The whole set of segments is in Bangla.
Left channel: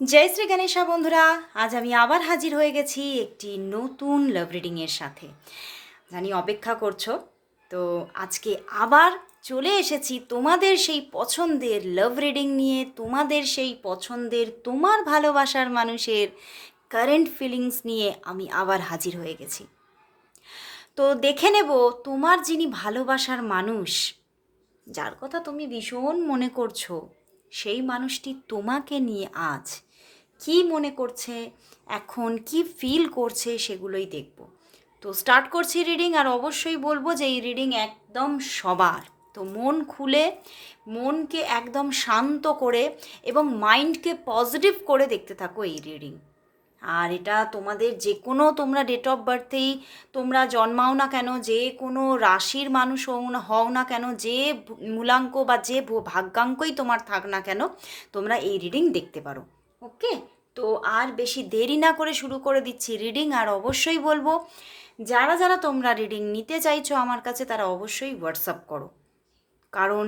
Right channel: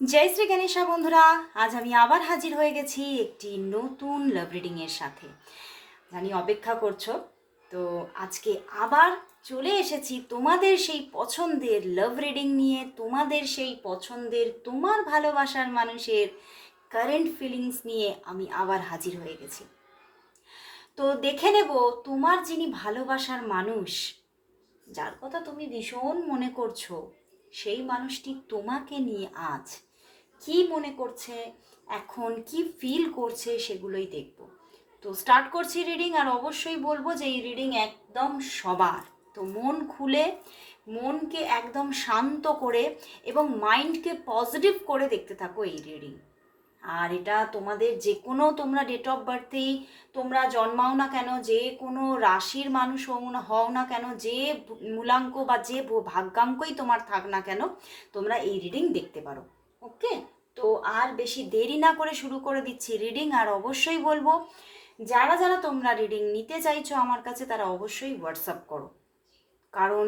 জয় শ্রী গণেশা বন্ধুরা, আজ আমি আবার হাজির হয়ে গেছি একটি নতুন লাভ রিডিংয়ের সাথে। জানি অপেক্ষা করছ, তো আজকে আবার চলে এসেছি তোমাদের সেই পছন্দের লাভ রিডিং নিয়ে, তোমাদের সেই পছন্দের, তোমার ভালোবাসার মানুষের কারেন্ট ফিলিংস নিয়ে আমি আবার হাজির হয়ে গেছি। তো দেখে নেব তোমার যিনি ভালোবাসার মানুষ, যার কথা তুমি ভীষণ মনে করছ, সেই মানুষটি তোমাকে নিয়ে আজ কি মনে করছে, এখন কি ফিল করছে সেগুলোই দেখব। তো স্টার্ট করছি রিডিং আর অবশ্যই বলব যে এই রিডিং একদম সবার। তো মন খুলে, মনকে একদম শান্ত করে এবং মাইন্ডকে পজিটিভ করে দেখতে থাকো এই রিডিং আর এটা তোমাদের যে কোনো তোমরা ডেট অফ বার্থেই তোমরা জন্মাও না কেন যে কোনো রাশির মানুষ হও না কেন, যে মূলাঙ্ক বা যে ভাগ্যাঙ্কই তোমার থাক না কেন, তোমরা এই রিডিং দেখতে পারো। ওকে? তো আর বেশি দেরি না করে শুরু করে দিচ্ছি রিডিং আর অবশ্যই বলব, যারা যারা তোমরা রিডিং নিতে চাইছো আমার কাছে তারা অবশ্যই হোয়াটসঅ্যাপ করো। কারণ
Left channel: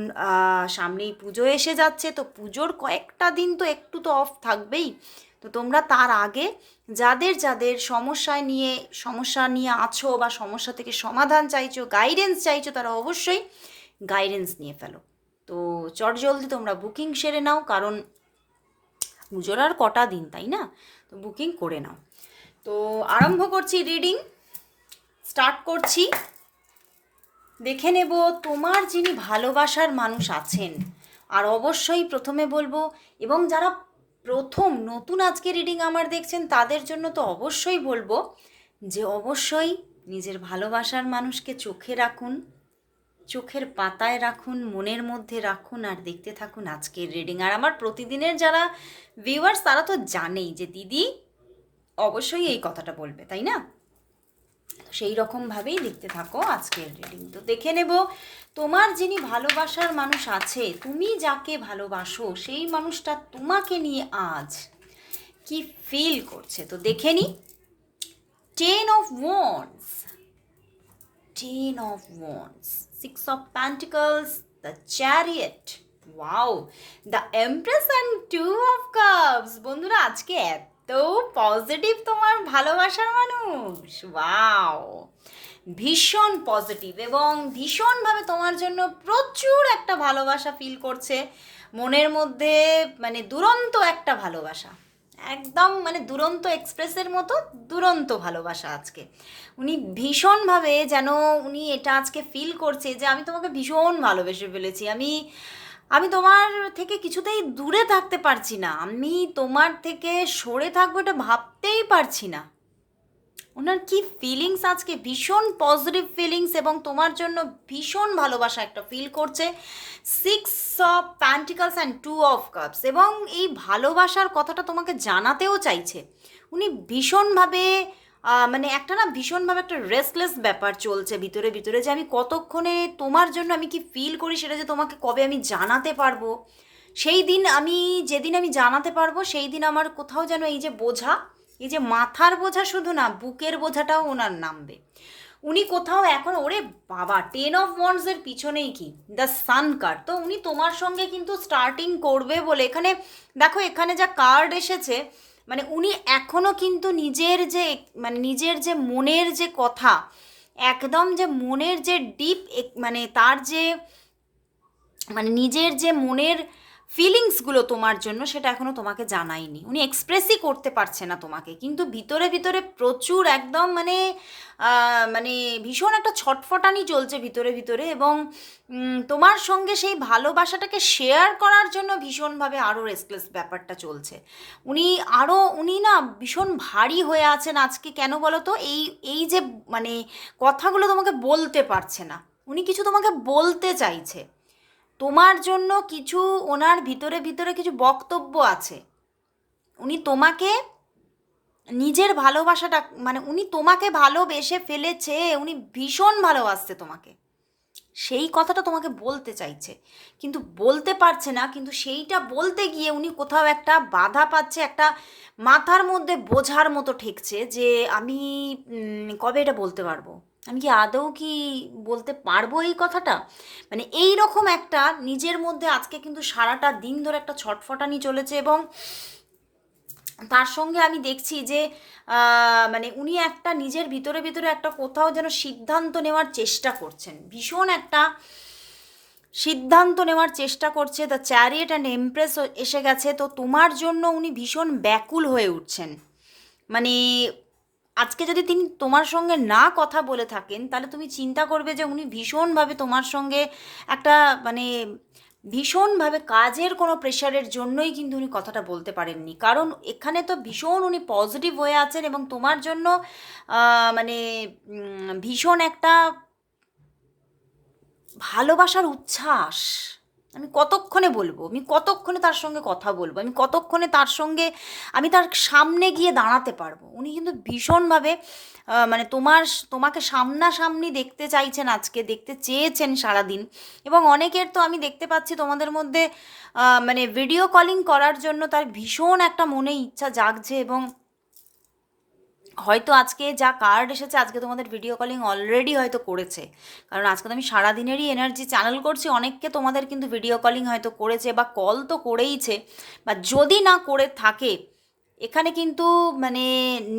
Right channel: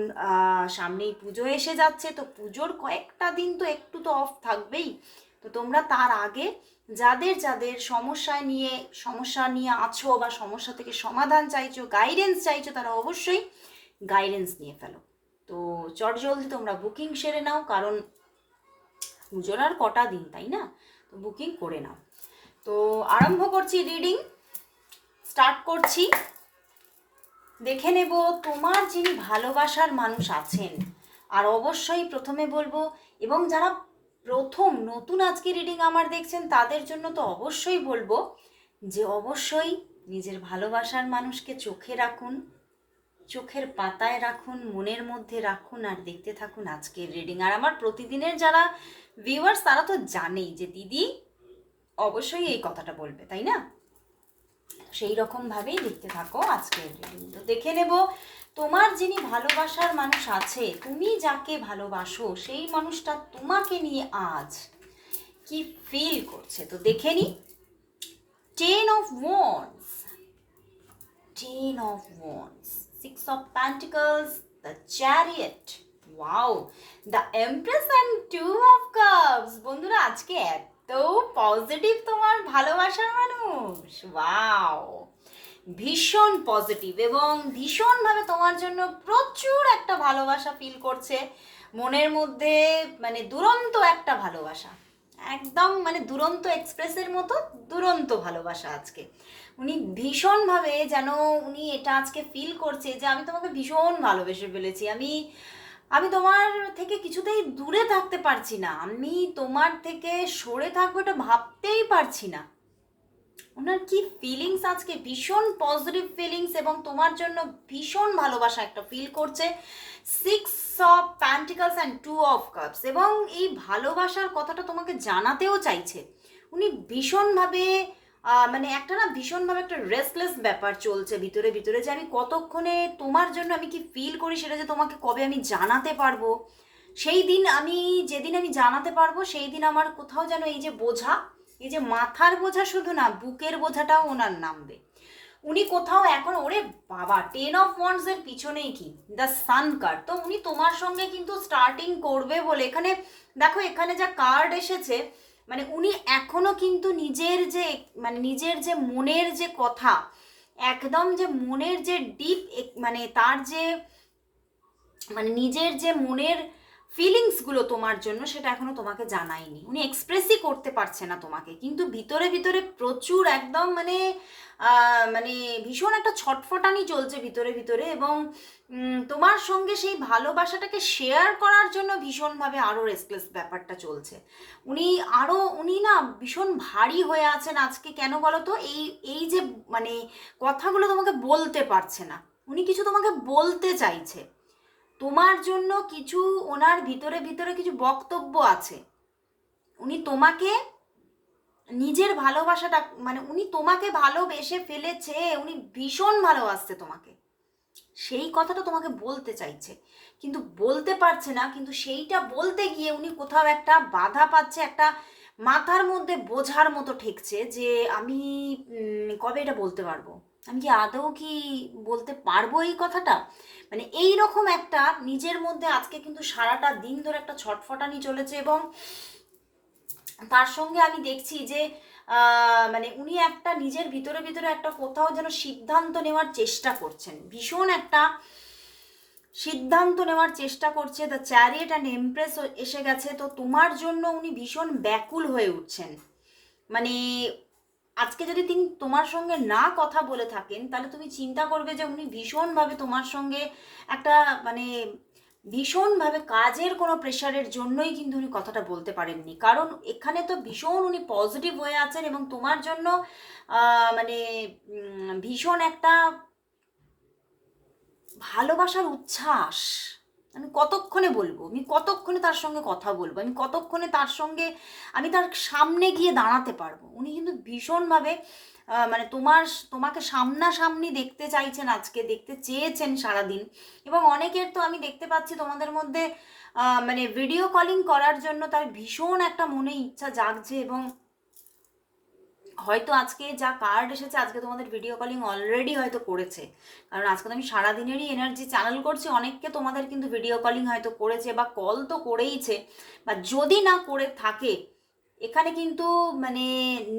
সামনেই পুজো এসে যাচ্ছে, তো পুজোর কয়েকটা দিন তো একটু তো অফ থাকবেই। তো তোমরা তার আগে যাদের যাদের সমস্যায় নিয়ে, সমস্যা নিয়ে আছো বা সমস্যা থেকে সমাধান চাইছো গাইডেন্স চাইছো, তারা অবশ্যই গাইডেন্স নিয়ে ফেলো। তো চট জলদি তোমরা বুকিং সেরে নাও, কারণ পুজোর আর কটা দিন, তাই না? তো বুকিং করে নাও। তো আরম্ভ করছি রিডিং স্টার্ট করছি। দেখে নেব তোমার যিনি ভালোবাসার মানুষ আছেন, আর অবশ্যই প্রথমে বলব, এবং যারা প্রথম নতুন আজকে রিডিং আমার দেখছেন, তাদের জন্য তো অবশ্যই বলব যে অবশ্যই নিজের ভালোবাসার মানুষকে চোখে রাখুন, চোখের পাতায় রাখুন, মনের মধ্যে রাখুন, আর দেখতে থাকুন আজকের রিডিং আর আমার প্রতিদিনের যারা ভিউয়ার্স তারা তো জানেই যে দিদি অবশ্যই এই কথাটা বলবে, তাই না? সেই রকমভাবেই লিখতে থাকো আজকের রিডিং তো দেখে নেব, তোমার যিনি ভালোবাসার মানুষ আছে, তুমি যাকে ভালোবাসো, সেই মানুষটা তোমাকে নিয়ে আজ কি ফিল করছে? তো দেখে নি। Ten of wands ten of wands six of pentacles the chariot wow the empress and two of cups বন্ধুরা, আজকে এত পজিটিভ তোমার ভালোবাসার মানুষ। ওয়াও ভীষণ পজিটিভ এবং ভীষণভাবে তোমার জন্য প্রচুর একটা ভালোবাসা ফিল করছে। মনের মধ্যে মানে দুরন্ত একটা ভালোবাসা। একদম মানে দুরন্ত এক্সপ্রেসের মতো দুরন্ত ভালোবাসা আজকে। উনি ভীষণভাবে যেন উনি এটা আজকে ফিল করছে যে আমি তোমাকে ভীষণ ভালোবেসে ফেলেছি। আমি আমি তোমার থেকে কিছুতেই দূরে থাকতে পারছি না। আমি তোমার থেকে সরে থাকব এটা ভাবতেই পারছি না। ওনার কি ফিলিংস আজকে? ভীষণ পজিটিভ ফিলিংস এবং তোমার জন্য ভীষণ ভালোবাসা একটা ফিল করছে। Six of pentacles and two of cups এবং এই ভালোবাসার কথাটা তোমাকে জানাতেও চাইছে। উনি ভীষণভাবে মানে একটা না ভীষণভাবে একটা রেস্টলেস ব্যাপার চলছে ভিতরে ভিতরে যে আমি কতক্ষণে তোমার জন্য আমি কি ফিল করি সেটা যে তোমাকে কবে আমি জানাতে পারব? সেই দিন আমি, যেদিন আমি জানাতে পারব, সেই দিন আমার কোথাও যেন এই যে বোঝা, এই যে মাথার বোঝা শুধু না, বুকের বোঝাটাও ওনার নামবে। উনি কোথাও এখন, ওরে বাবা টেন অফ ওয়ান্ডসের পিছনেই কি? দ্য সান কার্ড তো উনি তোমার সঙ্গে কিন্তু স্টার্টিং করবে বলে, এখানে দেখো, এখানে যা কার্ড এসেছে মানে উনি এখনও কিন্তু নিজের যে মানে নিজের যে মনের যে কথা, একদম যে মনের যে ডিপ মানে তার যে মানে নিজের যে মনের ফিলিংসগুলো তোমার জন্য সেটা এখনও তোমাকে জানায়নি। উনি এক্সপ্রেসই করতে পারছে না তোমাকে। কিন্তু ভিতরে ভিতরে প্রচুর একদম মানে মানে ভীষণ একটা ছটফটানি চলছে ভিতরে ভিতরে এবং তোমার সঙ্গে সেই ভালোবাসাটাকে শেয়ার করার জন্য ভীষণভাবে আরও রেস্টলেস ব্যাপারটা চলছে। উনি আরও উনি না ভীষণ ভারী হয়ে আছেন আজকে, কেন বলো তো এই এই যে মানে কথাগুলো তোমাকে বলতে পারছে না। উনি কিছু তোমাকে বলতে চাইছে। তোমার জন্য কিছু ওনার ভিতরে ভিতরে কিছু বক্তব্য আছে। উনি তোমাকে নিজের ভালোবাসাটা মানে উনি তোমাকে ভালোবেসে ফেলেছে, উনি ভীষণ ভালোবাসছে তোমাকে। সেই কথাটা তোমাকে বলতে চাইছে। কিন্তু বলতে পারছে না, কিন্তু সেইটা বলতে গিয়ে উনি কোথাও একটা বাধা পাচ্ছে, একটা মাথার মধ্যে বোঝার মতো ঠেকছে যে আমি কবে এটা বলতে পারব? আমি কি আদৌ কি বলতে পারব এই কথাটা? মানে এই রকম একটা নিজের মধ্যে আজকে কিন্তু সারাটা দিন ধরে একটা ছটফটানি চলেছে এবং তার সঙ্গে আমি দেখছি যে মানে উনি একটা নিজের ভিতরে ভিতরে একটা কোথাও যেন সিদ্ধান্ত নেওয়ার চেষ্টা করছেন। ভীষণ একটা সিদ্ধান্ত নেওয়ার চেষ্টা করছে দ্য চ্যারিয়েট অ্যান্ড এমপ্রেস এসে গেছে। তো তোমার জন্য উনি ভীষণ ব্যাকুল হয়ে উঠছেন। মানে আজকে যদি তিনি তোমার সঙ্গে না কথা বলে থাকেন, তাহলে তুমি চিন্তা করবে যে উনি ভীষণভাবে তোমার সঙ্গে একটা মানে ভীষণভাবে কাজের কোনো প্রেশারের জন্যই কিন্তু উনি কথাটা বলতে পারেননি। কারণ এখানে তো ভীষণ উনি পজিটিভ হয়ে আছেন এবং তোমার জন্য মানে ভীষণ একটা ভালোবাসার উচ্ছ্বাস। আমি কতক্ষণে বলব? আমি কতক্ষণে তার সঙ্গে কথা বলব? আমি কতক্ষণে তার সঙ্গে, আমি তার সামনে গিয়ে দাঁড়াতে পারব? উনি কিন্তু ভীষণভাবে মানে তোমার, তোমাকে সামনাসামনি দেখতে চাইছেন আজকে, দেখতে চেয়েছেন সারাদিন। এবং অনেকের তো আমি দেখতে পাচ্ছি তোমাদের মধ্যে মানে ভিডিও কলিং করার জন্য তার ভীষণ একটা মনে ইচ্ছা জাগছে এবং হয়তো আজকে যা কার্ড এসেছে, আজকে তোমাদের ভিডিও কলিং অলরেডি হয়তো করেছে। কারণ আজকে তো আমি সারাদিনেরই এনার্জি চ্যানেল করছি, অনেককে তোমাদের কিন্তু ভিডিও কলিং হয়তো করেছে বা কল তো করেইছে। বা যদি না করে থাকে, এখানে কিন্তু মানে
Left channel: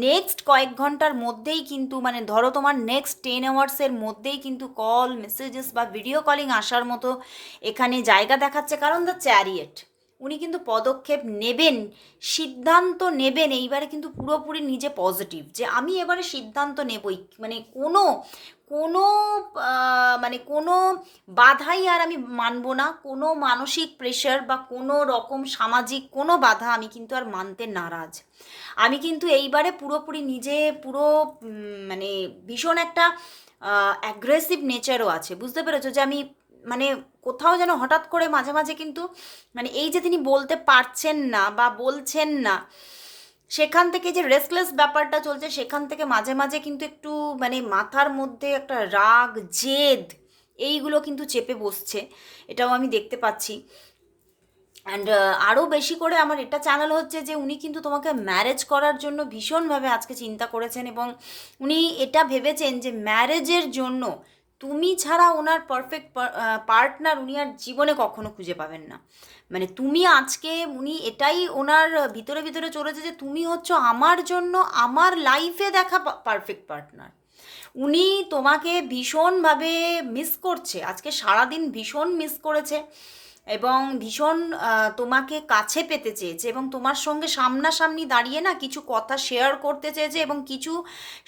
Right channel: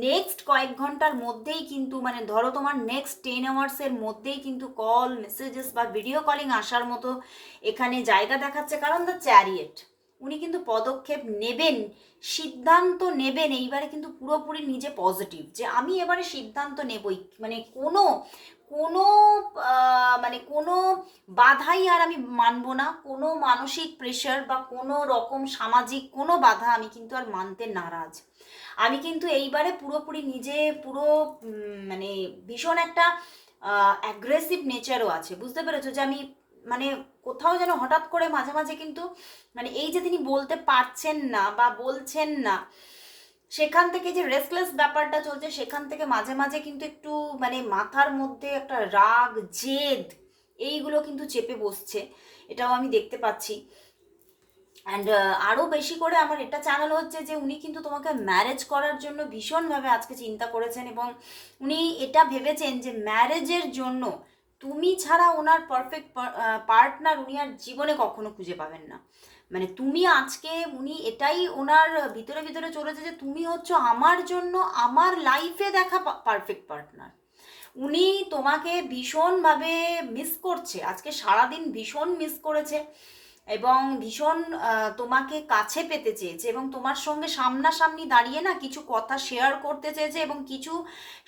নেক্সট কয়েক ঘণ্টার মধ্যেই কিন্তু মানে ধরো তোমার নেক্সট টেন আওয়ার্সের মধ্যেই কিন্তু কল মেসেজেস বা ভিডিও কলিং আসার মতো এখানে জায়গা দেখাচ্ছে, কারণ দ্য চ্যারিয়েট উনি কিন্তু পদক্ষেপ নেবেন, সিদ্ধান্ত নেবেন, এইবারে কিন্তু পুরোপুরি নিজে পজিটিভ যে আমি এবারে সিদ্ধান্ত নেবই। মানে কোনো কোনো মানে কোনো বাধাই আর আমি মানব না, কোনো মানসিক প্রেশার বা কোনো রকম সামাজিক কোনো বাধা আমি কিন্তু আর মানতে নারাজ। আমি কিন্তু এইবারে পুরোপুরি নিজে পুরো মানে ভীষণ একটা অ্যাগ্রেসিভ নেচারও আছে, বুঝতে পেরেছ? যে আমি মানে কোথাও যেন হঠাৎ করে মাঝে মাঝে কিন্তু মানে এই যে তিনি বলতে পারছেন না বা বলছেন না, সেখান থেকে যে রেস্টলেস ব্যাপারটা চলছে, সেখান থেকে মাঝে মাঝে কিন্তু একটু মানে মাথার মধ্যে একটা রাগ, জেদ, এইগুলো কিন্তু চেপে বসছে। এটাও আমি দেখতে পাচ্ছি। অ্যান্ড আরও বেশি করে আমার এটা চ্যানেল হচ্ছে যে উনি কিন্তু তোমাকে ম্যারেজ করার জন্য ভীষণভাবে আজকে চিন্তা করেছেন এবং উনি এটা ভেবেছেন যে ম্যারেজের জন্য তুমি ছাড়া ওনার পারফেক্ট পার্টনার উনি আর জীবনে কখনো খুঁজে পাবেন না। মানে তুমি আজকে উনি এটাই ওনার ভিতরে ভিতরে চলেছে যে তুমি হচ্ছ আমার জন্য আমার লাইফে দেখা পারফেক্ট পার্টনার উনি তোমাকে ভীষণভাবে মিস করছে। আজকে সারাদিন ভীষণ মিস করেছে। এবং ভীষণ তোমাকে কাছে পেতে চেয়েছে এবং তোমার সঙ্গে সামনাসামনি দাঁড়িয়ে না কিছু কথা শেয়ার করতে চেয়েছে এবং কিছু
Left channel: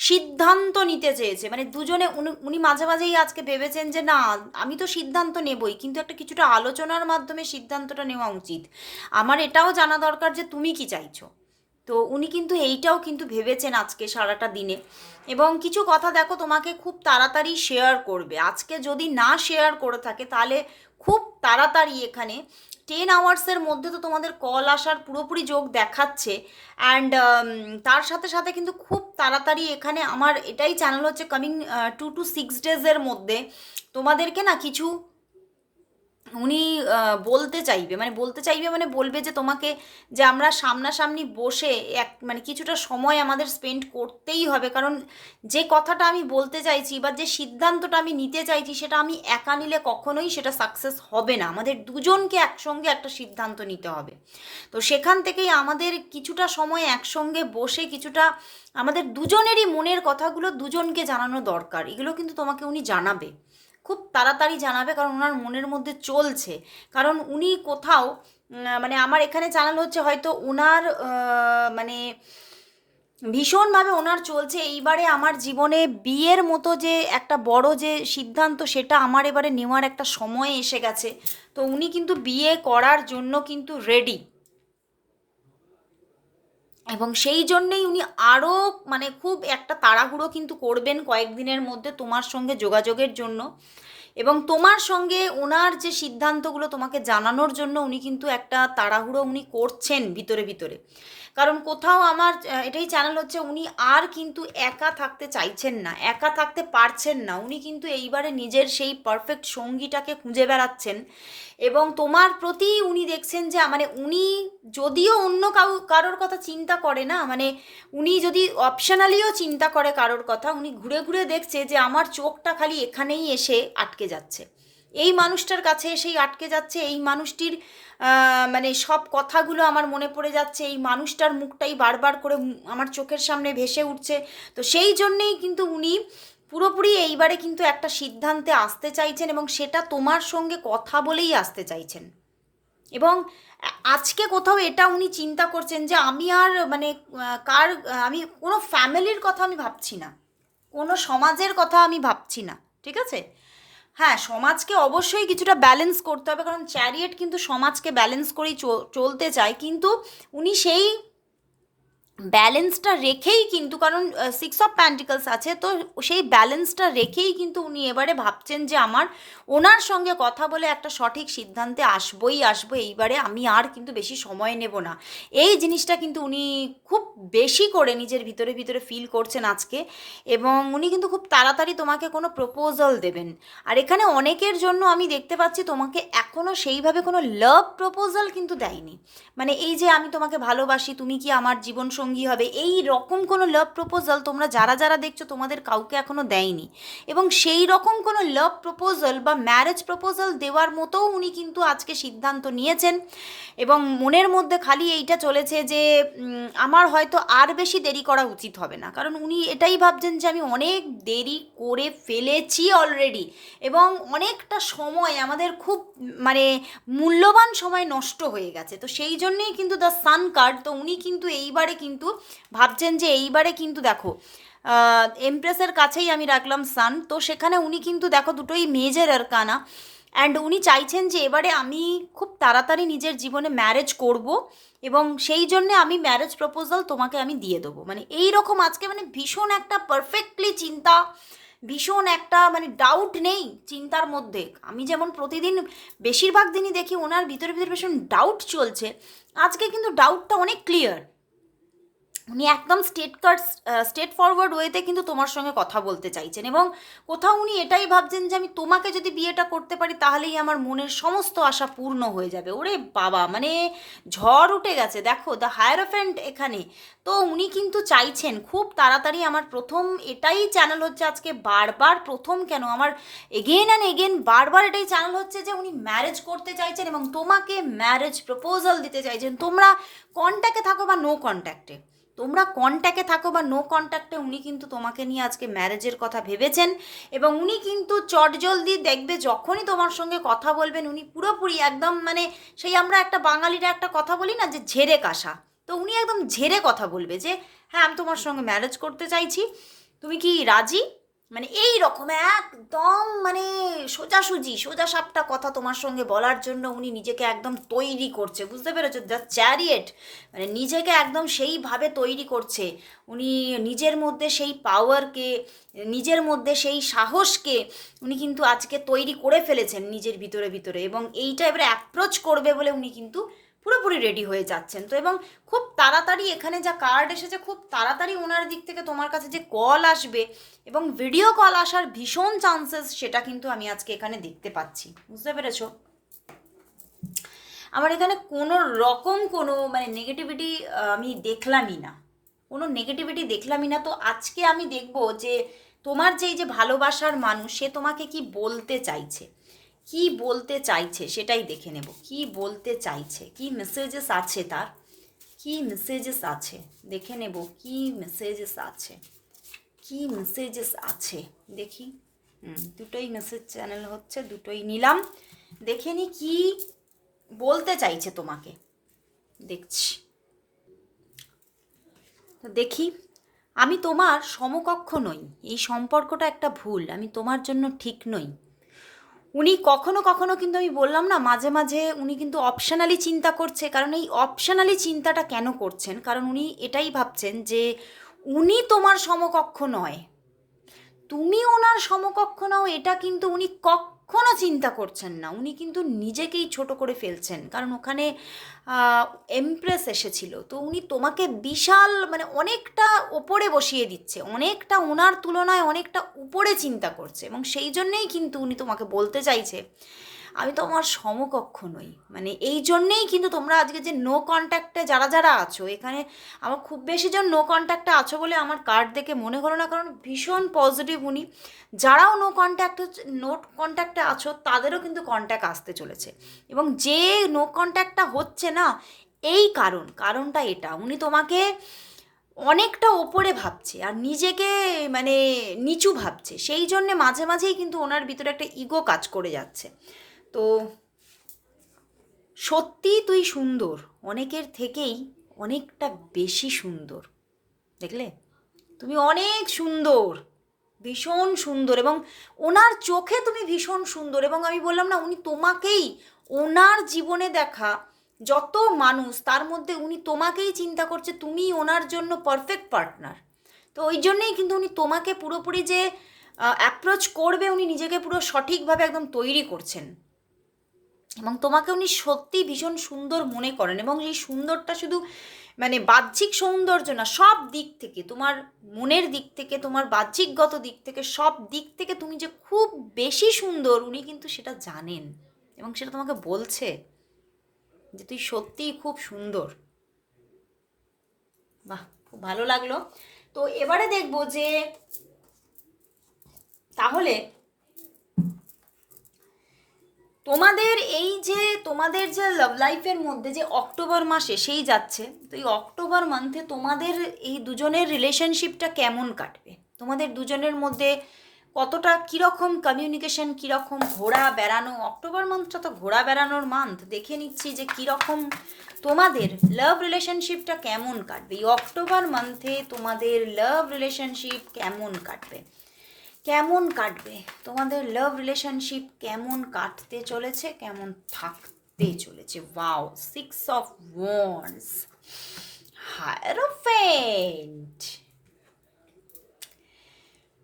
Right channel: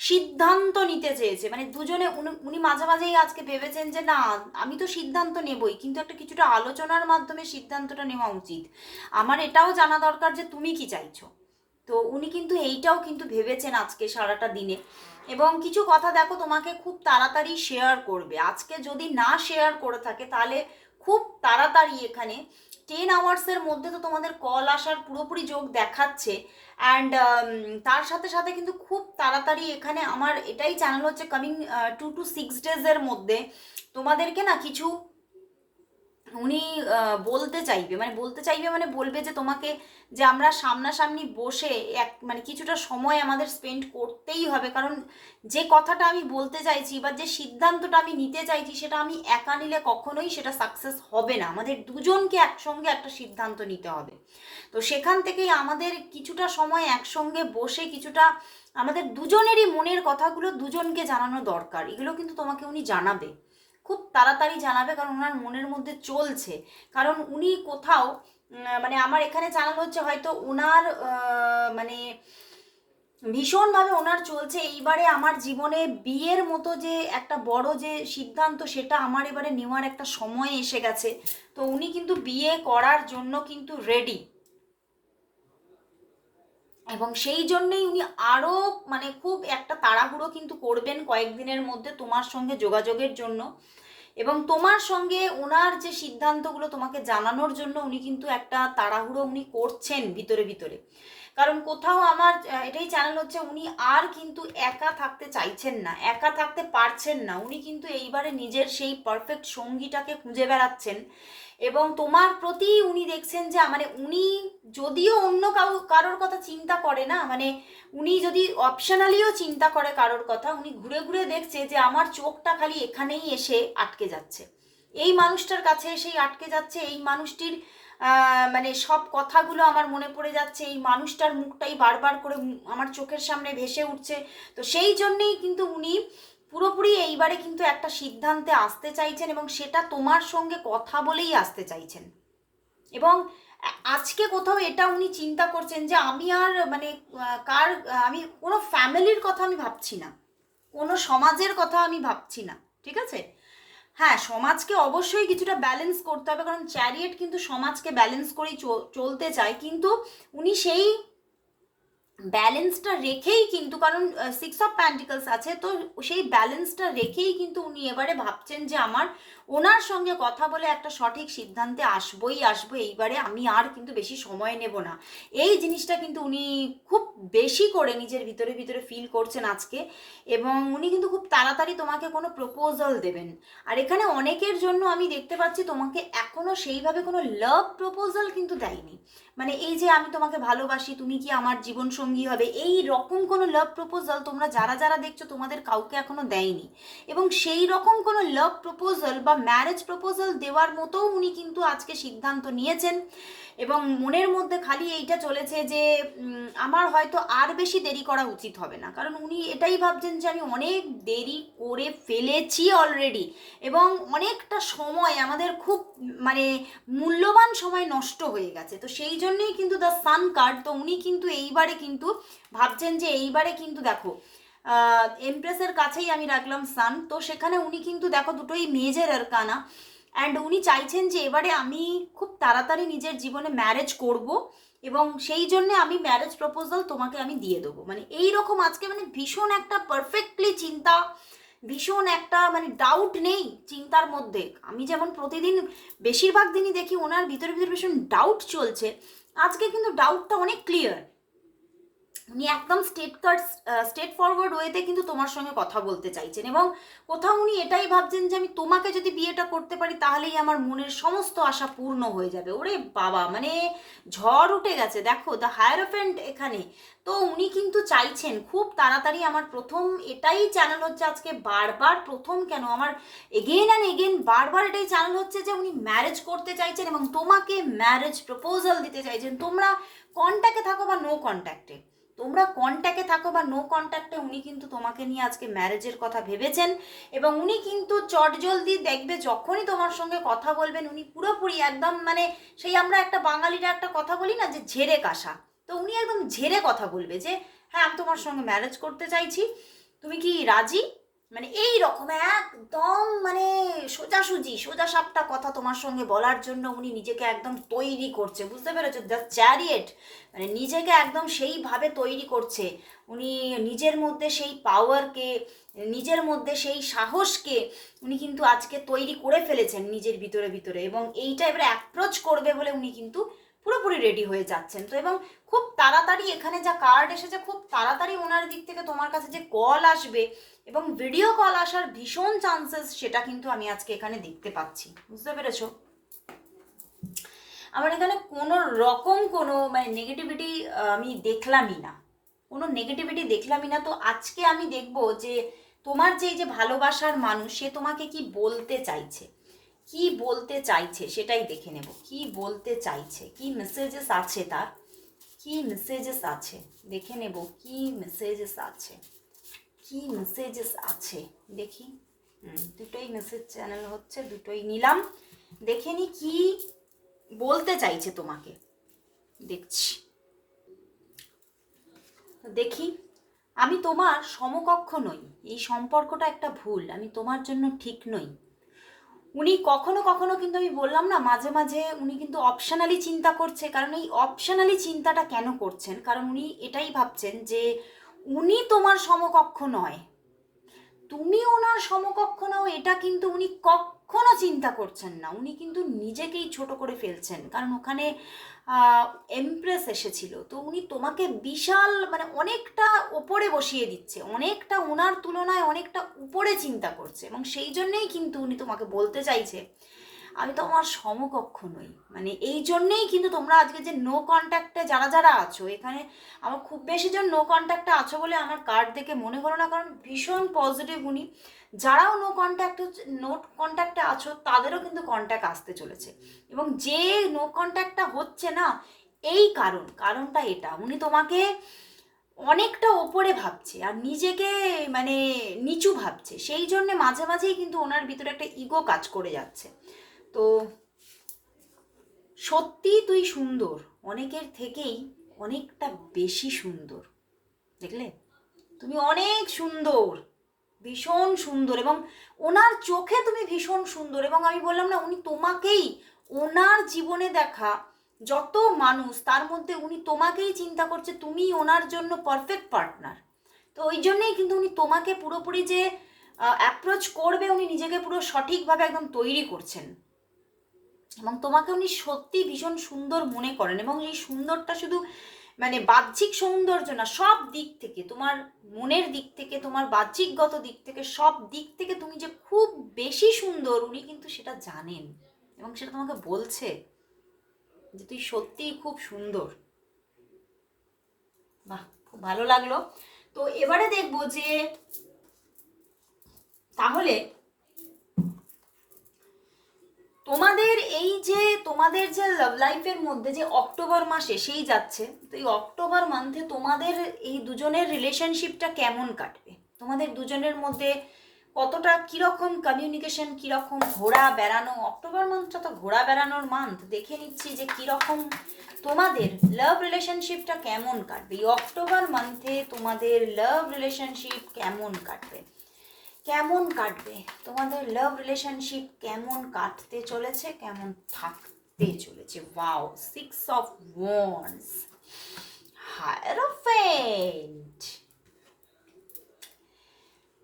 সিদ্ধান্ত নিতে চেয়েছে। মানে দুজনে উনি মাঝে মাঝেই আজকে ভেবেছেন যে না, আমি তো সিদ্ধান্ত নেবই, কিন্তু একটা কিছুটা আলোচনার মাধ্যমে সিদ্ধান্তটা নেওয়া উচিত। আমার এটাও জানা দরকার যে তুমি কি চাইছো। তো উনি কিন্তু এইটাও কিন্তু ভেবেছেন আজকে সারাটা দিনে। এবং কিছু কথা দেখো, তোমাকে খুব তাড়াতাড়ি শেয়ার করবে। আজকে যদি না শেয়ার করে থাকে, তাহলে খুব তাড়াতাড়ি এখানে টেন আওয়ার্সের মধ্যে তো তোমাদের কল আসার পুরোপুরি যোগ দেখাচ্ছে অ্যান্ড তার সাথে সাথে কিন্তু খুব তাড়াতাড়ি এখানে আমার এটাই চ্যানেল হচ্ছে কামিং টু টু সিক্স ডেজের মধ্যে তোমাদেরকে না কিছু উনি বলতে চাইবে মানে বলতে চাইবে মানে বলবে যে তোমাকে যে আমরা সামনাসামনি বসে এক মানে কিছুটা সময় আমাদের স্পেন্ড করতেই হবে। কারণ যে কথাটা আমি বলতে চাইছি বা যে সিদ্ধান্তটা আমি নিতে চাইছি সেটা আমি একা নিলে কখনোই সেটা সাকসেস হবে না। আমাদের দুজনকে একসঙ্গে একটা সিদ্ধান্ত নিতে হবে। তো সেখান থেকেই আমাদের কিছুটা সময় একসঙ্গে বসে কিছুটা আমাদের দুজনেরই মনের কথাগুলো দুজনকে জানানো দরকার। এগুলো কিন্তু তোমাকে উনি জানাবে। খুব তাড়াতাড়ি জানাবে কারণ ওনার মনের মধ্যে চলছে। কারণ উনি কোথাও মানে আমার এখানে জানানো হচ্ছে হয়তো ওনার মানে ভীষণভাবে ওনার চলছে। এইবারে আমার জীবনে বিয়ের মতো যে একটা বড় যে সিদ্ধান্ত, সেটা আমার এবারে নেওয়ার একটা সময় এসে গেছে। তো উনি কিন্তু বিয়ে করার জন্য কিন্তু রেডি এবং সেই জন্যেই উনি আরও মানে খুব একটা তাড়াহুড়ো কিন্তু করবেন কয়েকদিনের মধ্যে তোমার সঙ্গে যোগাযোগের জন্য। এবং তোমার সঙ্গে ওনার যে সিদ্ধান্তগুলো তোমাকে জানানোর জন্য উনি কিন্তু একটা তাড়াহুড়ো উনি করছেন ভিতরে ভিতরে। কারণ কোথাও আমার এটাই চ্যানেল হচ্ছে উনি আর কিন্তু একা থাকতে চাইছেন না, একা থাকতে পারছেন না। উনি কিন্তু এইবারে নিজের সেই পারফেক্ট সঙ্গীটাকে খুঁজে বেড়াচ্ছেন। এবং তোমার প্রতি উনি দেখছেন যে মানে উনি যদিও অন্য কারোর কথা চিন্তা করে না মানে উনি যদি অপশনালিও চিন্তা করে কারোর কথা, উনি ঘুরে ঘুরে দেখছে যে, আমার চোখটা খালি এখানেই এসে আটকে যাচ্ছে। এই মানুষটার কাছে এসেই আটকে যাচ্ছে, এই মানুষটির মানে সব কথাগুলো আমার মনে পড়ে যাচ্ছে, এই মানুষটার মুখটাই বারবার করে আমার চোখের সামনে ভেসে উঠছে। তো সেই জন্যেই কিন্তু উনি পুরোপুরি এইবারে কিন্তু একটা সিদ্ধান্তে আসতে চাইছেন এবং সেটা তোমার সঙ্গে কথা বলেই আসতে চাইছেন। এবং আজকে কোথাও এটা উনি চিন্তা করছেন যে আমি আর মানে কার, আমি কোনো ফ্যামিলির কথা আমি ভাবছি না। কোনো সমাজের কথা আমি ভাবছি না, ঠিক আছে? হ্যাঁ সমাজকে অবশ্যই কিছুটা ব্যালেন্স করতে হবে, কারণ চ্যারিয়েট কিন্তু সমাজকে ব্যালেন্স করেই চল- চলতে চায়। কিন্তু উনি সেই ব্যালেন্সটা রেখেই কিন্তু, কারণ সিক্স অফ প্যান্টিকলস আছে, তো সেই ব্যালেন্সটা রেখেই কিন্তু উনি এবারে ভাবছেন যে আমার ওনার সঙ্গে কথা বলে একটা সঠিক সিদ্ধান্তে আসবই, আসব, এইবারে আমি আর কিন্তু বেশি সময় নেব না। এই জিনিসটা কিন্তু উনি খুব বেশি করে নিজের ভিতরে ভিতরে ফিল করছেন আজকে, এবং উনি কিন্তু খুব তাড়াতাড়ি তোমাকে কোনো প্রপোজাল দেবেন। আর এখানে অনেকের জন্য আমি দেখতে পাচ্ছি তোমাকে এখনও সেইভাবে কোনো লাভ প্রপোজাল কিন্তু দেয়নি। মানে এই যে আমি তোমাকে ভালোবাসি, তুমি কি আমার জীবন সঙ্গী হবে। এই রকম কোনো লাভ প্রপোজাল তোমরা যারা যারা দেখছ তোমাদের কাউকে এখনও দেয়নি। এবং সেই রকম কোনো লাভ প্রপোজাল বা ম্যারেজ প্রপোজাল দেওয়ার মতোও উনি কিন্তু আজকে সিদ্ধান্ত নিয়েছেন। এবং মনের মধ্যে খালি এইটা চলেছে যে আমার হয়তো আর বেশি দেরি করা উচিত হবে না। কারণ উনি এটাই ভাবছেন যে আমি অনেক দেরি করে ফেলেছি অলরেডি এবং অনেকটা সময় আমাদের খুব মানে মূল্যবান সময় নষ্ট হয়ে গেছে। তো সেই জন্যেই কিন্তু দ্য সান কার্ড তো উনি কিন্তু এইবারে কিন্তু ভাবছেন যে এইবারে কিন্তু দেখো এমপ্রেসের কাছেই আমি রাখলাম সান তো সেখানে উনি কিন্তু দেখো দুটোই মেজর আর কানা অ্যান্ড উনি চাইছেন যে এবারে আমি খুব তাড়াতাড়ি নিজের জীবনে ম্যারেজ করব এবং সেই জন্যে আমি ম্যারেজ প্রপোজাল তোমাকে আমি দিয়ে দেবো। মানে এই রকম আজকে মানে ভীষণ একটা পারফেক্টলি চিন্তা, ভীষণ একটা মানে ডাউট নেই চিন্তার মধ্যে। আমি যেমন প্রতিদিন বেশিরভাগ দিনই দেখি ওনার ভিতরে ভিতরে ভীষণ ডাউট চলছে, আজকে কিন্তু ডাউটটা অনেক ক্লিয়ার উনি একদম স্টেট কার্ড স্টেট ফরওয়ার্ড ওয়েতে কিন্তু তোমার সঙ্গে কথা বলতে চাইছেন এবং কোথাও উনি এটাই ভাবছেন যে আমি তোমাকে যদি বিয়েটা করতে পারি তাহলেই আমার মনের সমস্ত আশা পূর্ণ হয়ে যাবে। ওরে বাবা মানে ঝড় উঠে গেছে। দেখো দ্য হায়ারফেন্ট এখানে। তো উনি কিন্তু চাইছেন, খুব তাড়াতাড়ি আমার প্রথম এটাই চ্যানেল হচ্ছে আজকে বারবার, প্রথম কেন আমার এগেন অ্যান্ড এগেন বারবার এটাই চ্যানেল হচ্ছে যে উনি ম্যারেজ করতে চাইছেন এবং তোমাকে ম্যারেজ প্রপোজাল দিতে চাইছেন। তোমরা কন্ট্যাক্টে থাকো বা নো কন্ট্যাক্টে তোমরা কন্ট্যাক্টে থাকো বা নো কন্ট্যাক্টে উনি কিন্তু তোমাকে নিয়ে আজকে ম্যারেজের কথা ভেবেছেন এবং উনি কিন্তু চটজলদি দেখবে যখনই তোমার সঙ্গে কথা বলবেন, উনি পুরোপুরি একদম মানে সেই আমরা একটা বাঙালিরা একটা কথা বলি না যে ঝেড়ে কাশা। তো উনি একদম ঝেড়ে কথা বলবে যে হ্যাঁ আমি তোমার সঙ্গে ম্যারেজ করতে চাইছি। তুমি কি রাজি? মানে এই রকম, একদম মানে সোজাসুজি, সোজা সাপটা কথা তোমার সঙ্গে বলার জন্য উনি নিজেকে একদম তৈরি করছে, বুঝতে পেরেছ? দ্য চ্যারিয়েট মানে নিজেকে একদম সেইভাবে তৈরি করছে। উনি নিজের মধ্যে সেই পাওয়ারকে নিজের মধ্যে সেই সাহসকে উনি কিন্তু আজকে তৈরি করে ফেলেছেন নিজের ভিতরে ভিতরে এবং এইটা এবারে অ্যাপ্রোচ করবে বলে উনি কিন্তু পুরোপুরি রেডি হয়ে যাচ্ছেন। তো এবং খুব তাড়াতাড়ি এখানে যা কার্ড এসেছে, খুব তাড়াতাড়ি ওনার দিক থেকে তোমার কাছে যে কল আসবে এবং ভিডিও কল আসার ভীষণ চান্সেস সেটা কিন্তু আমি আজকে এখানে দেখতে পাচ্ছি। বুঝতে পেরেছ? আমার এখানে কোনো রকম কোনো মানে নেগেটিভিটি আমি দেখলামই না। কোনো নেগেটিভিটি দেখলামই না। তো আজকে আমি দেখব যে তোমার যে এই যে ভালোবাসার মানুষ, সে তোমাকে কি বলতে চাইছে? কি বলতে চাইছে সেটাই দেখে নেব। কি বলতে চাইছে? কি মেসেজেস আছে তার? কি মেসেজেস আছে? দেখে নেব কি মেসেজেস আছে। কি মেসেজেস আছে? দেখি। দুটোই মেসেজ চ্যানেল হচ্ছে, দুটোই নিলাম। দেখে নি কি বলতে চাইছে তোমাকে। দেখছি। দেখি। আমি তোমার সমকক্ষ নই। এই সম্পর্কটা একটা ভুল। আমি তোমার জন্য ঠিক নই। উনি কখনো কখনো কিন্তু আমি বললাম না, মাঝে মাঝে উনি কিন্তু অপশনালি চিন্তা করছে। কারণ এই অপশনালি চিন্তাটা কেন করছেন? কারণ উনি এটাই ভাবছেন যে উনি তোমার সমকক্ষ নয়। তুমি ওনার সমকক্ষ নাও, এটা কিন্তু উনি কখনো চিন্তা করছেন না। উনি কিন্তু নিজেকেই ছোট করে ফেলছেন। কারণ ওখানে এমপ্রেস এসেছিল। তো উনি তোমাকে বিশাল মানে অনেকটা ওপরে বসিয়ে দিচ্ছে। অনেকটা ওনার তুলনায় অনেকটা উপরে চিন্তা করছে। এবং সেই জন্যেই কিন্তু উনি তোমাকে বলতে চাইছে আমি তো আমার সমকক্ষ নই। মানে এই জন্যেই কিন্তু তোমরা আজকে যে নো কন্ট্যাক্টে যারা যারা আছো, এখানে আমার খুব বেশি জন নো কন্ট্যাক্টে আছো বলে আমার কার্ড দেখে মনে করো না, কারণ ভীষণ পজিটিভ উনি। যারাও নো কন্ট্যাক্ট নো কন্ট্যাক্টে আছো, তাদেরও কিন্তু কন্ট্যাক্ট আসতে চলেছে। এবং যে নো কন্ট্যাক্টটা হচ্ছে না, এই কারণ, কারণটা এটা। উনি তোমাকে অনেকটা ওপরে ভাবছে আর নিজেকে মানে নিচু ভাবছে। সেই জন্যে মাঝে মাঝেই কিন্তু ওনার ভিতরে একটা ইগো কাজ করে যাচ্ছে। তো সত্যি তুই সুন্দর। অনেকের থেকেই অনেকটা বেশি সুন্দর। দেখলে? তুমি অনেক সুন্দর। ভীষণ সুন্দর এবং ওনার চোখে তুমি ভীষণ সুন্দর এবং আমি বললাম না, উনি তোমাকেই, ওনার জীবনে দেখা যত মানুষ, তার মধ্যে উনি তোমাকেই চিন্তা করছে তুমি ওনার জন্য পারফেক্ট পার্টনার তো ওই জন্যেই কিন্তু উনি তোমাকে পুরোপুরি যে অ্যাপ্রোচ করবে, উনি নিজেকে পুরো সঠিকভাবে একদম তৈরি করছেন। এবং তোমাকে উনি সত্যি ভীষণ সুন্দর মনে করেন এবং এই সুন্দরটা শুধু মানে বাহ্যিক সৌন্দর্য না, সব দিক থেকে, তোমার মনের দিক থেকে, তোমার বাহ্যিকগত দিক থেকে, সব দিক থেকে তুমি যে খুব বেশি সুন্দর উনি কিন্তু সেটা জানেন এবং সেটা তোমাকে বলছে যে তুই সত্যিই খুব সুন্দর। বাহ, খুব ভালো লাগল। তো এবারে দেখব যে তাহলে তোমাদের এই যে, তোমাদের যে লাভ লাইফের মধ্যে যে অক্টোবর মাসে সেই যাচ্ছে, তো এই অক্টোবর মান্থে তোমাদের এই দুজনের রিলেশনশিপটা কেমন কাটবে? তোমাদের দুজনের মধ্যে কতটা কীরকম কমিউনিকেশন কীরকম ঘোরা বেড়ানো? অক্টোবর মান্থটা তো ঘোরা বেড়ানোর মান্থ দেখে নিচ্ছি যে কীরকম তোমাদের লাভ রিলেশনশিপটা কেমন কাটবে? এই অক্টোবর মান্থে তোমাদের লাভ রিলেশনশিপ কেমন কাটবে? কেমন কাটবে? তোমাদের লাভ রিলেশনশিপ কেমন কাটতে চলেছে? কেমন থাকতে চলেছে? Wow six of wands hierophant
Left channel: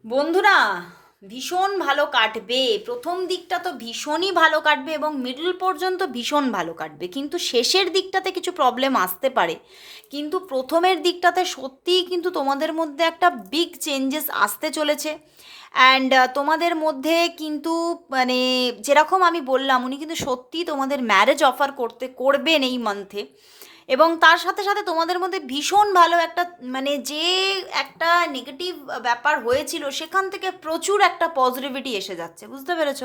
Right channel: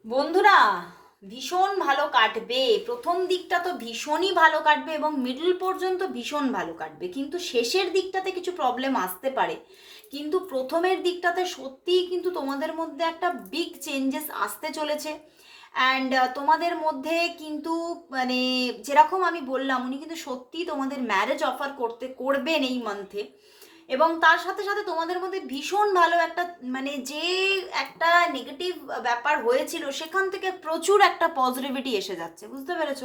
বন্ধুরা, ভীষণ ভালো কাটবে। প্রথম দিকটা তো ভীষণই ভালো কাটবে এবং মিডল পর্যন্ত ভীষণ ভালো কাটবে। কিন্তু শেষের দিকটাতে কিছু প্রবলেম আসতে পারে। কিন্তু প্রথমের দিকটাতে সত্যিই কিন্তু তোমাদের মধ্যে একটা বিগ চেঞ্জেস আসতে চলেছে। অ্যান্ড তোমাদের মধ্যে কিন্তু মানে যেরকম আমি বললাম, উনি কিন্তু সত্যি তোমাদের ম্যারেজ অফার করতে, করবেন এই মান্থে এবং তার সাথে সাথে তোমাদের মধ্যে ভীষণ ভালো একটা মানে যে একটা নেগেটিভ ব্যাপার হয়েছিল, সেখান থেকে প্রচুর একটা পজিটিভিটি এসে যাচ্ছে, বুঝতে পেরেছ?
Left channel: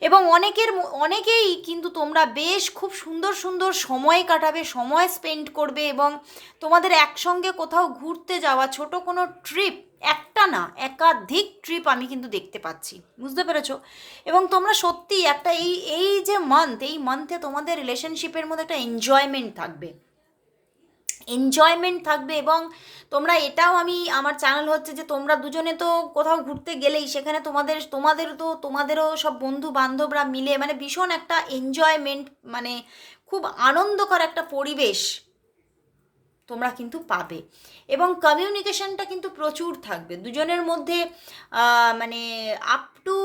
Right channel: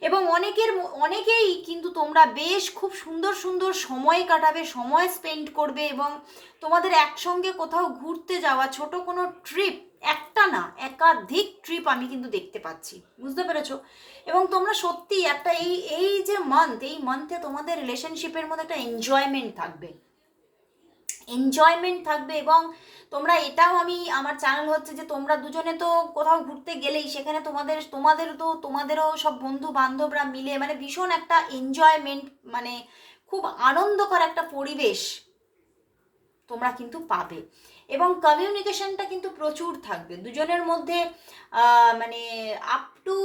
এবং অনেকের অনেকেই কিন্তু তোমরা বেশ খুব সুন্দর সুন্দর সময় কাটাবে, সময় স্পেন্ড করবে এবং তোমাদের একসঙ্গে কোথাও ঘুরতে যাওয়া, ছোট কোনো ট্রিপ একটা না, একাধিক ট্রিপ আমি কিন্তু দেখতে পাচ্ছি। বুঝতে পেরেছ? এবং তোমরা সত্যি একটা এই এই যে মান্থ এই মান্থে তোমাদের রিলেশনশিপের মধ্যে একটা এনজয়মেন্ট থাকবে। এনজয়মেন্ট থাকবে এবং তোমরা এটাও আমি, আমার চ্যানেল হচ্ছে যে তোমরা দুজনে তো কোথাও ঘুরতে গেলেই সেখানে তোমাদের তোমাদের তো, তোমাদেরও সব বন্ধু বান্ধবরা মিলে মানে ভীষণ একটা এনজয়মেন্ট মানে খুব আনন্দকর একটা পরিবেশ তোমরা কিন্তু পাবে। এবং কমিউনিকেশনটা কিন্তু প্রচুর থাকবে। দুজনের মধ্যে মানে আপ টু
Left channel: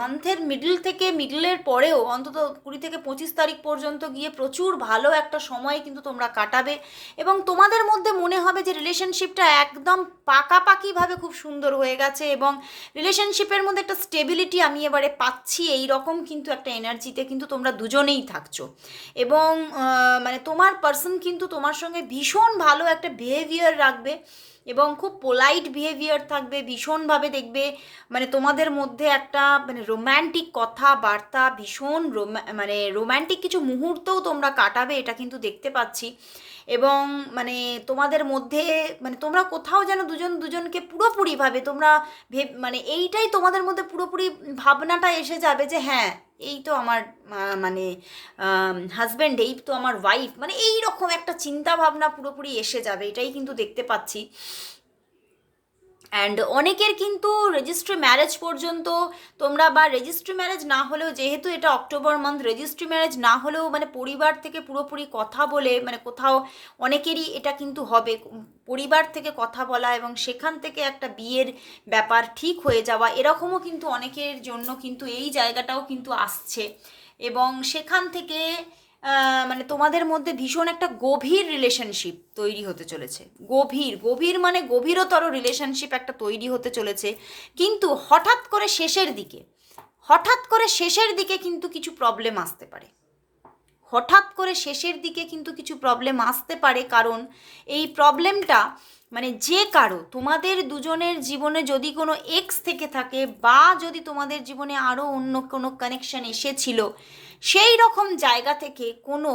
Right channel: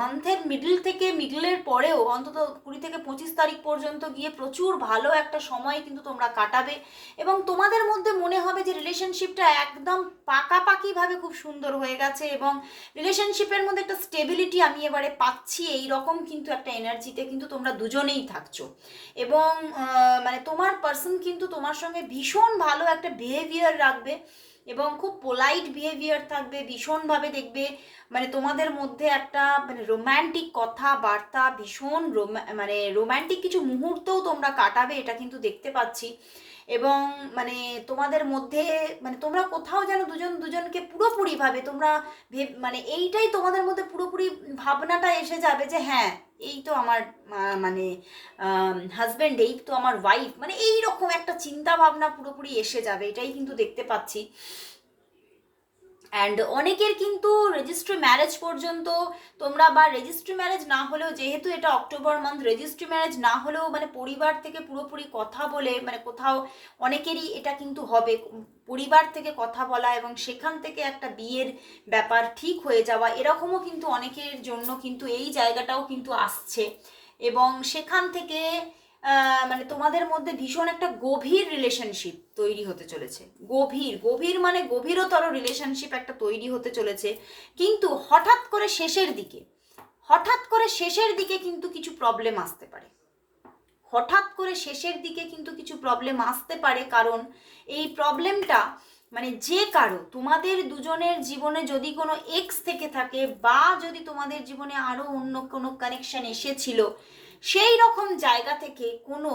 মান্থের মিডল থেকে মিডলের পরেও, অন্তত কুড়ি থেকে পঁচিশ তারিখ পর্যন্ত গিয়ে প্রচুর ভালো একটা সময় কিন্তু তোমরা কাটাবে এবং তোমাদের মধ্যে মনে হবে যে রিলেশনশিপটা একদম পাকাপাকিভাবে খুব সুন্দর হয়ে গেছে এবং রিলেশনশিপের মধ্যে একটা স্টেবিলিটি আমি এবারে পাচ্ছি এই রকম কিন্তু একটা এনার্জিতে কিন্তু তোমরা দুজনেই থাকছো। এবং মানে তোমার পার্সন কিন্তু তোমার সঙ্গে ভীষণ ভালো একটা বিহেভিয়ার রাখবে এবং খুব পোলাইট বিহেভিয়ার থাকবে ভীষণভাবে দেখবে মানে তোমাদের মধ্যে একটা মানে রোম্যান্টিক কথাবার্তা, ভীষণ মানে রোম্যান্টিক কিছু মুহূর্তও তোমরা কাটাবে, এটা কিন্তু দেখতে পাচ্ছি। এবং মানে তোমাদের মধ্যে মানে তোমরা কোথাও যেন দুজন দুজনকে পুরোপুরিভাবে তোমরা ভেব মানে এইটাই তোমাদের মধ্যে পুরোপুরি ভাবনাটা এসে যাবে যে হ্যাঁ এই তো আমার মানে হাজব্যান্ড এই তো আমার ওয়াইফ মানে এই রকম একটা চিন্তা ভাবনা পুরোপুরি এসে যাবে, এটাই কিন্তু দেখতে পাচ্ছি। অ্যান্ড অনেকের কিন্তু রেজিস্ট্রি ম্যারেজ পর্যন্ত তোমরা বা রেজিস্ট্রি ম্যারেজ না হলেও, যেহেতু এটা অক্টোবর মান্থ রেজিস্ট্রি ম্যারেজ না হলেও মানে পরিবার থেকে পুরোপুরি কথা বলে মানে কোথাও অনেকেরই এটা কিন্তু হবে। পরিবার থেকে কথা বলা এবং সেখান থেকে একটা বিয়ের ব্যাপার ঠিক হয়ে যাওয়া, এরকমও কিন্তু অনেকের জন্য কিন্তু এই জায়গাটাও কিন্তু আসছে। এবং সেখান থেকে মানে তোমাদের মধ্যে ভীষণ একটা গভীর রিলেশনশিপ তৈরি হতে চলেছে। গভীর গভীর মানে গভীরতর রিলেশনশিপ একটা তৈরি হতে চলেছে। কিন্তু হঠাৎ করে শেষের দিকে, হঠাৎ করে শেষের দিকে কিন্তু কিছু প্রবলেম আসতে পারে। হঠাৎ করে শেষের দিকে কিন্তু কিছু প্রবলেম আসতে পারে কারণ এই প্রবলেমটা মানে যে কারও, তোমাদের দুজনের জীবনে যদি কোনো এক্স থেকে থাকে বা যদি তোমাদের জীবনে আরও অন্য কোনো কানেকশন এসেছিল সেই রকম জায়গা থেকে কোনো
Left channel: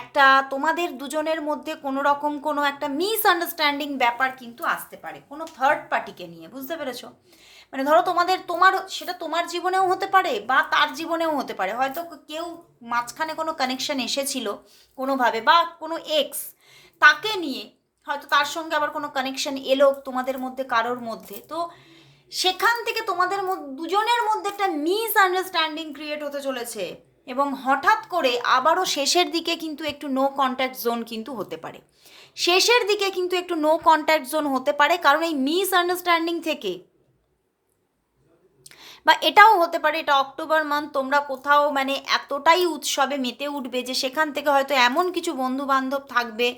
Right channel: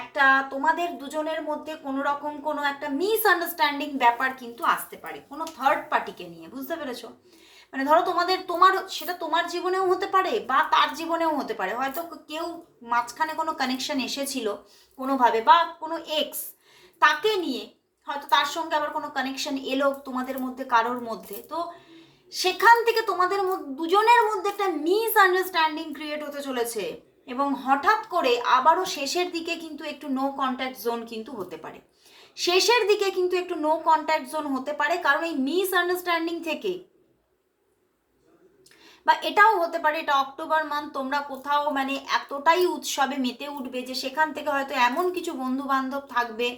একটা তোমাদের দুজনের মধ্যে কোনো রকম কোনো একটা মিসআন্ডারস্ট্যান্ডিং ব্যাপার কিন্তু আসতে পারে, কোনো থার্ড পার্টিকে নিয়ে, বুঝতে পেরেছ? মানে ধরো তোমাদের, তোমার, সেটা তোমার জীবনেও হতে পারে বা তার জীবনেও হতে পারে, হয়তো কেউ মাঝখানে কোনো কানেকশন এসেছিল কোনোভাবে বা কোনো এক্স তাকে নিয়ে, হয়তো তার সঙ্গে আবার কোনো কানেকশন এলো তোমাদের মধ্যে, কারোর মধ্যে, তো সেখান থেকে তোমাদের দুজনের মধ্যে একটা মিস আন্ডারস্ট্যান্ডিং ক্রিয়েট হতে চলেছে। এবং হঠাৎ করে আবারও শেষের দিকে কিন্তু একটু নো কন্ট্যাক্ট জোন কিন্তু হতে পারে। শেষের দিকে কিন্তু একটু নো কন্ট্যাক্ট জোন হতে পারে, কারণ এই মিস আন্ডারস্ট্যান্ডিং থেকে। বা এটাও হতে পারে, এটা অক্টোবর মান্থ তোমরা কোথাও মানে এতটাই উৎসবে মেতে উঠবে যে সেখান থেকে হয়তো এমন কিছু বন্ধু বান্ধব থাকবে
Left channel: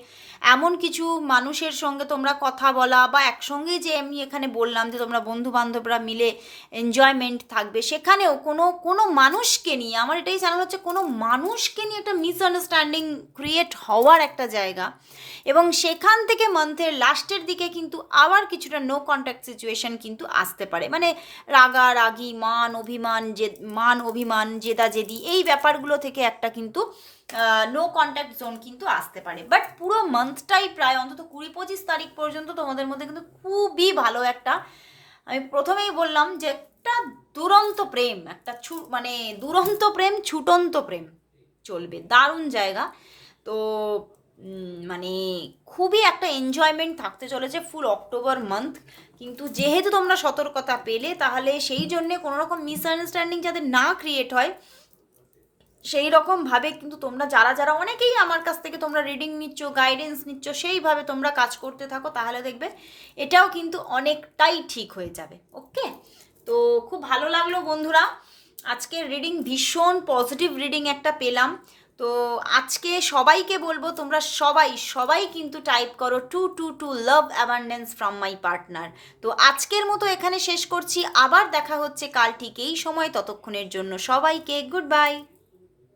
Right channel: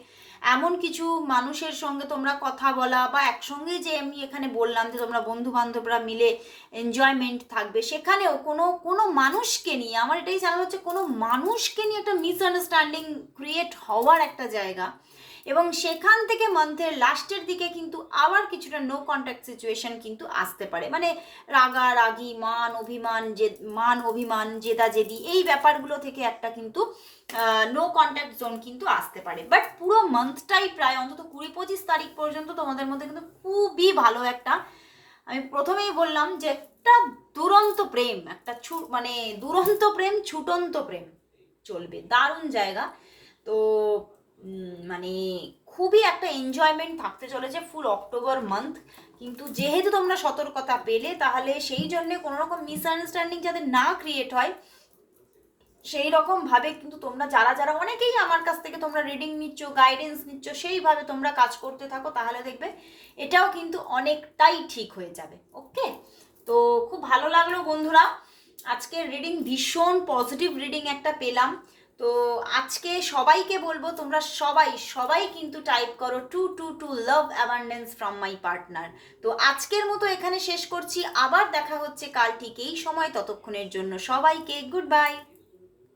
এমন কিছু মানুষের সঙ্গে তোমরা কথা বলা বা একসঙ্গে যে আমি এখানে বললাম যে তোমরা বন্ধু বান্ধবরা মিলে এনজয়মেন্ট থাকবে, সেখানেও কোনো কোনো মানুষকে নিয়ে, আমার এটাই জানা হচ্ছে কোনো মানুষকে নিয়ে একটা মিসআন্ডারস্ট্যান্ডিং ক্রিয়েট হওয়ার একটা জায়গা এবং সেখান থেকে মান্থের লাস্টের দিকে কিন্তু আবার কিছুটা নো কন্ট্যাক্ট সিচুয়েশন কিন্তু আসতে পারে। মানে রাগা রাগি মান অভিমান যে মান অভিমান জেদা জেদি এই ব্যাপারগুলো থেকে একটা কিন্তু নো কন্ট্যাক্ট জোন কিন্তু আসতে পারে। বাট পুরো মান্থটাই প্রায় অন্তত কুড়ি পঁচিশ তারিখ পর্যন্ত তোমাদের মধ্যে কিন্তু খুবই ভালো একটা, আমি প্রথমেই বললাম যে একটা দুরন্ত প্রেম, একটা ছু মানে দুরন্ত প্রেম, ছুটন্ত প্রেম চলবে। দারুণ জায়গা। তো মানে খুবই একটা এনজয়মেন্ট থাকতে চলেছে ফুল অক্টোবর মান্থ কিন্তু যেহেতু তোমরা সতর্কতা পেলে, তাহলে সেই জন্যে কোনোরকম মিসআন্ডারস্ট্যান্ডিং যাতে না ক্রিয়েট হয় সেই রকম ভাবে কিন্তু তোমরা যারা যারা অনেকেই আমার কাছ থেকে তোমরা রিডিং নিচ্ছ গাইডেন্স নিচ্ছ, সেইভাবে তোমরা কাজ করতে থাকো, তাহলে দেখবে এটাও কিন্তু অনেকটাই ঠিক হয়ে যাবে ওকে তো খুব ভালো লাগল বন্ধুরা আজকের রিডিং ভীষণ পজিটিভ রিডিং একটা পেলাম। তো আজকে সবাইকে বলব, তোমরা সবাই সবাই কিন্তু টাইপ করো two two two love abundance from my partner তো আজকের মতো এখানে শেষ করছি, আবার দেখা হচ্ছে কাল ঠিক এই সময়, ততক্ষণের জন্য সবাইকে গুড বাই